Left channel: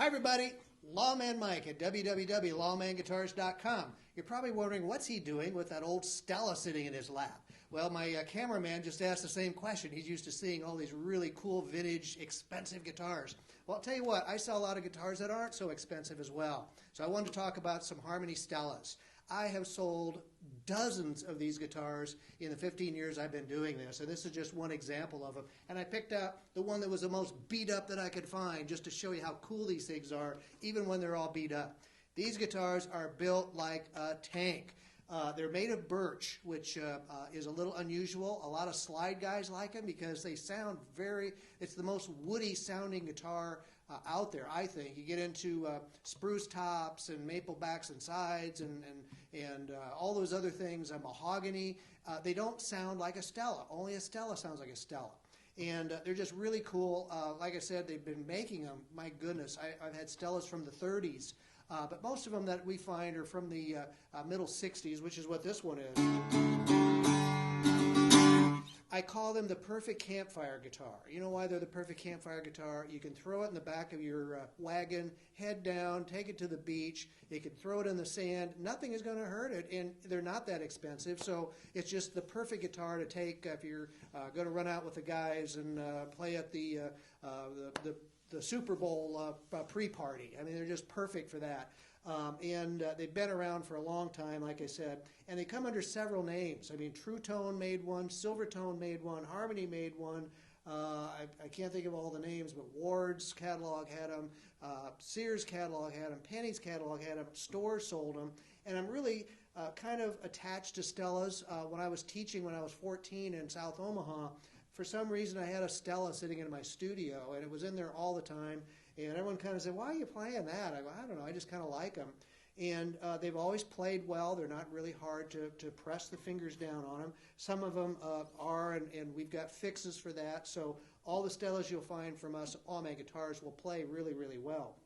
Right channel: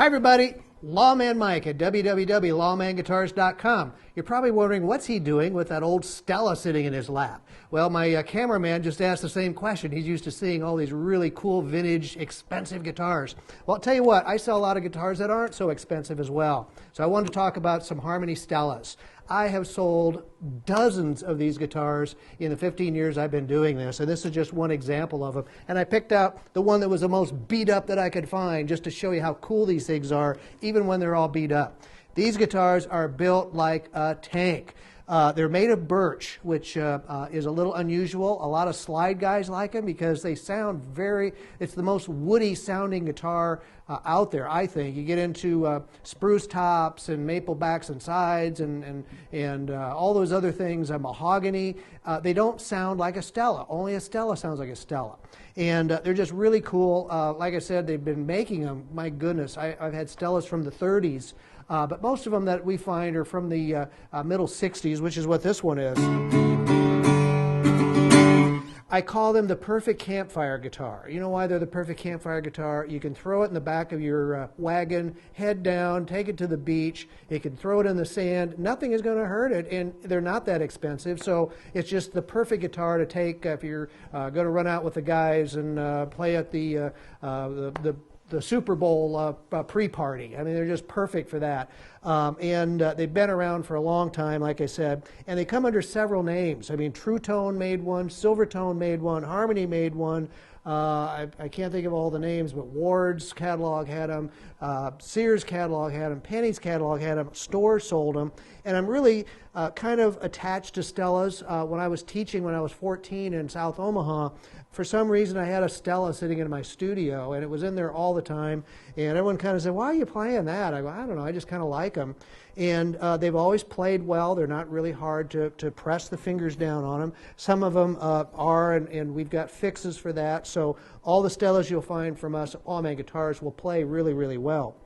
Hi everybody, Lawman Mike at www.lawmanguitars.com. You're probably wondering what's he doing with that old Stella sitting in his lap. Well, my cameraman just asked the same question. He's used to seeing all these really cool vintage expensive guitars. Well, I'll tell you what, I sell a lot of guitars that aren't so expensive as well. So I wanted to talk about some Harmony Stellas. I have sold dozens of these guitars in the 15 years I've been doing this, and this is just one example of them. And I picked out the one that was the most beat up that I could find just to show you how cool these things are, even when they're all beat up. These guitars are built like a tank. They're made of birch, which is a little unusual. A lot of slide guys like them because they sound it's the most woody sounding guitar out there, I think. You get into spruce tops and maple backs and sides and all those other things, mahogany. They don't sound like a Stella. Only a Stella sounds like a Stella. And they're just really cool. Like I said, they've been making them. My goodness, I've had Stellas from the 30s. But most of them that we find are from the middle 60s, which is what this one is. I call them the perfect campfire guitar. You know why they're the perfect campfire guitar? You can throw it in the back of your wagon, head down, take it to the beach. You can throw it in the sand. Nothing is going to hurt it, and they're not that expensive. So it's just the perfect guitar to take if you're going to run out with the guys and play at the Super Bowl pre-party. I mean, they're just perfect for that. They've been around for a long time, like I said, and they come under several names. I mean, True Tone made one, Silver Tone made one, Harmony made one. I can't think of all the names, but Ward's catalog had them, Sears catalog had them, Penny's catalog had them, stores sold them, and I'm really kind of attached to Stellas. When I was teaching when I was 14 in South Omaha, for some reason I had a Stella sitting in my studio, and it was in there all the time, and everyone kind of said, why are you playing that? I go, I don't know, I just kind of like them. And they've always played well. They're not really hard to press the fingers down on them. Some of them are, and we've got fixes for that. So all the Stellas you'll find from us at Lawman Guitars will play really, really well.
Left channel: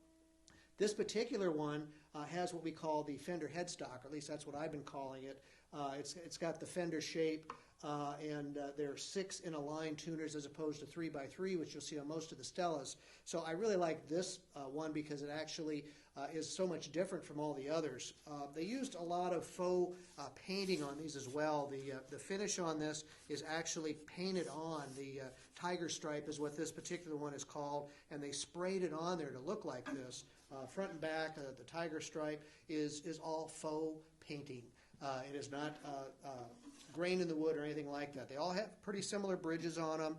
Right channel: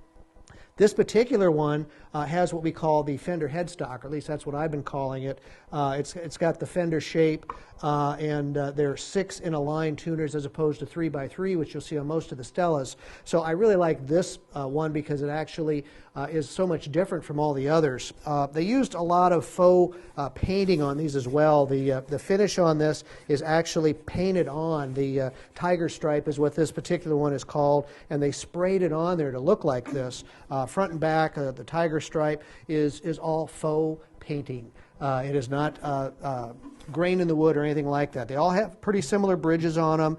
This particular one has what we call the fender headstock, or at least that's what I've been calling it. It's got the fender shape, and they're 6 in a line tuners as opposed to 3x3, which you'll see on most of the Stellas. So I really like this one because it actually is so much different from all the others. They used a lot of faux painting on these as well. The finish on this is actually painted on. The tiger stripe is what this particular one is called, and they sprayed it on there to look like this. Front and back, the tiger stripe is all faux painting. It is not grain in the wood or anything like that. They all have pretty similar bridges on them.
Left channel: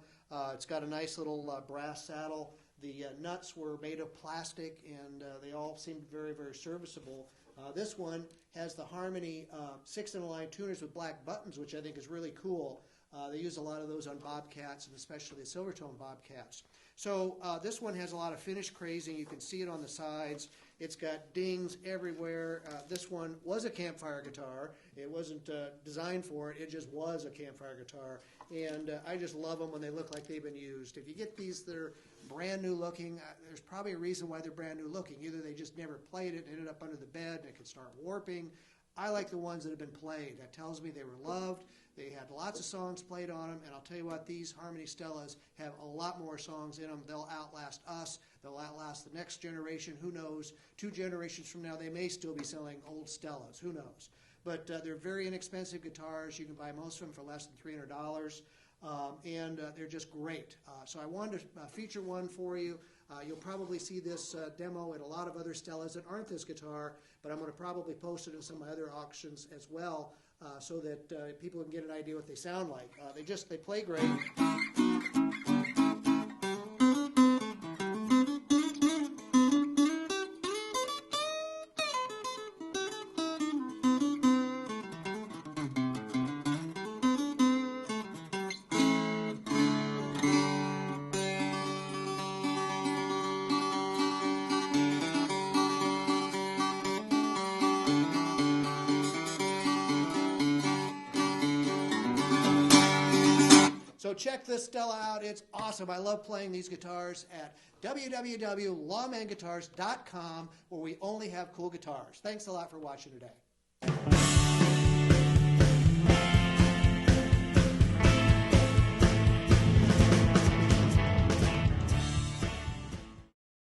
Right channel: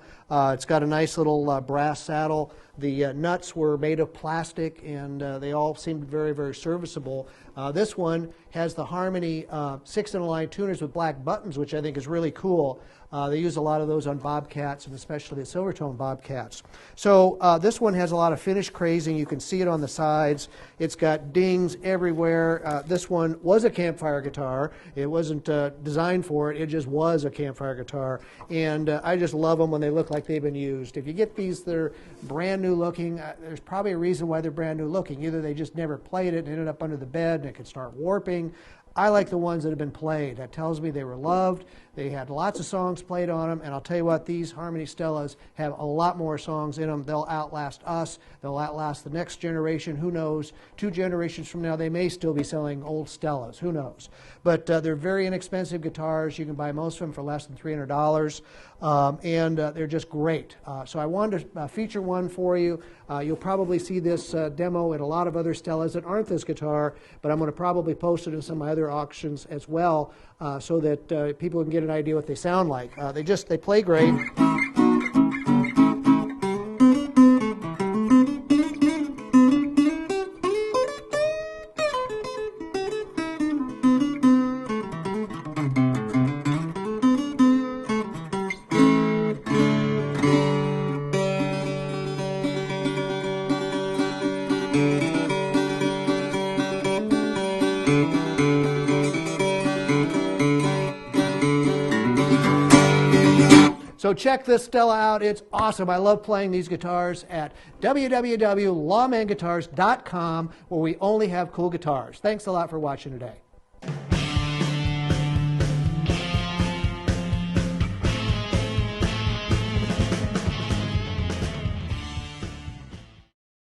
It's got a nice little brass saddle. The nuts were made of plastic, and they all seemed very, very serviceable. This one has the Harmony 6 in a line tuners with black buttons, which I think is really cool. They use a lot of those on Bobcats, and especially the Silvertone Bobcats. So this one has a lot of finish crazing. You can see it on the sides. It's got dings everywhere. This one was a Campfire guitar. It wasn't designed for it. It just was a Campfire guitar. And I just love them when they look like they've been used. If you get these that are brand new looking, there's probably a reason why they're brand new looking. Either they just never played it and ended up under the bed and it could start warping. I like the ones that have been played. That tells me they were loved. They had lots of songs played on them, and I'll tell you what, these Harmony Stellas have a lot more songs in them. They'll outlast us. They'll outlast the next generation. Who knows? 2 generations from now, they may still be selling old Stellas. Who knows? But they're very inexpensive guitars. You can buy most of them for less than $300, and they're just great. So I wanted to feature one for you. You'll probably see this demo in a lot of other Stellas that aren't this guitar, but I'm going to probably post it in some of my other auctions as well, so that people can get an idea what they sound like. They play great. So check this Stella out. It's awesome. I love playing these guitars at www.lawmanguitars.com, where we only have cool guitars. Thanks a lot for watching today.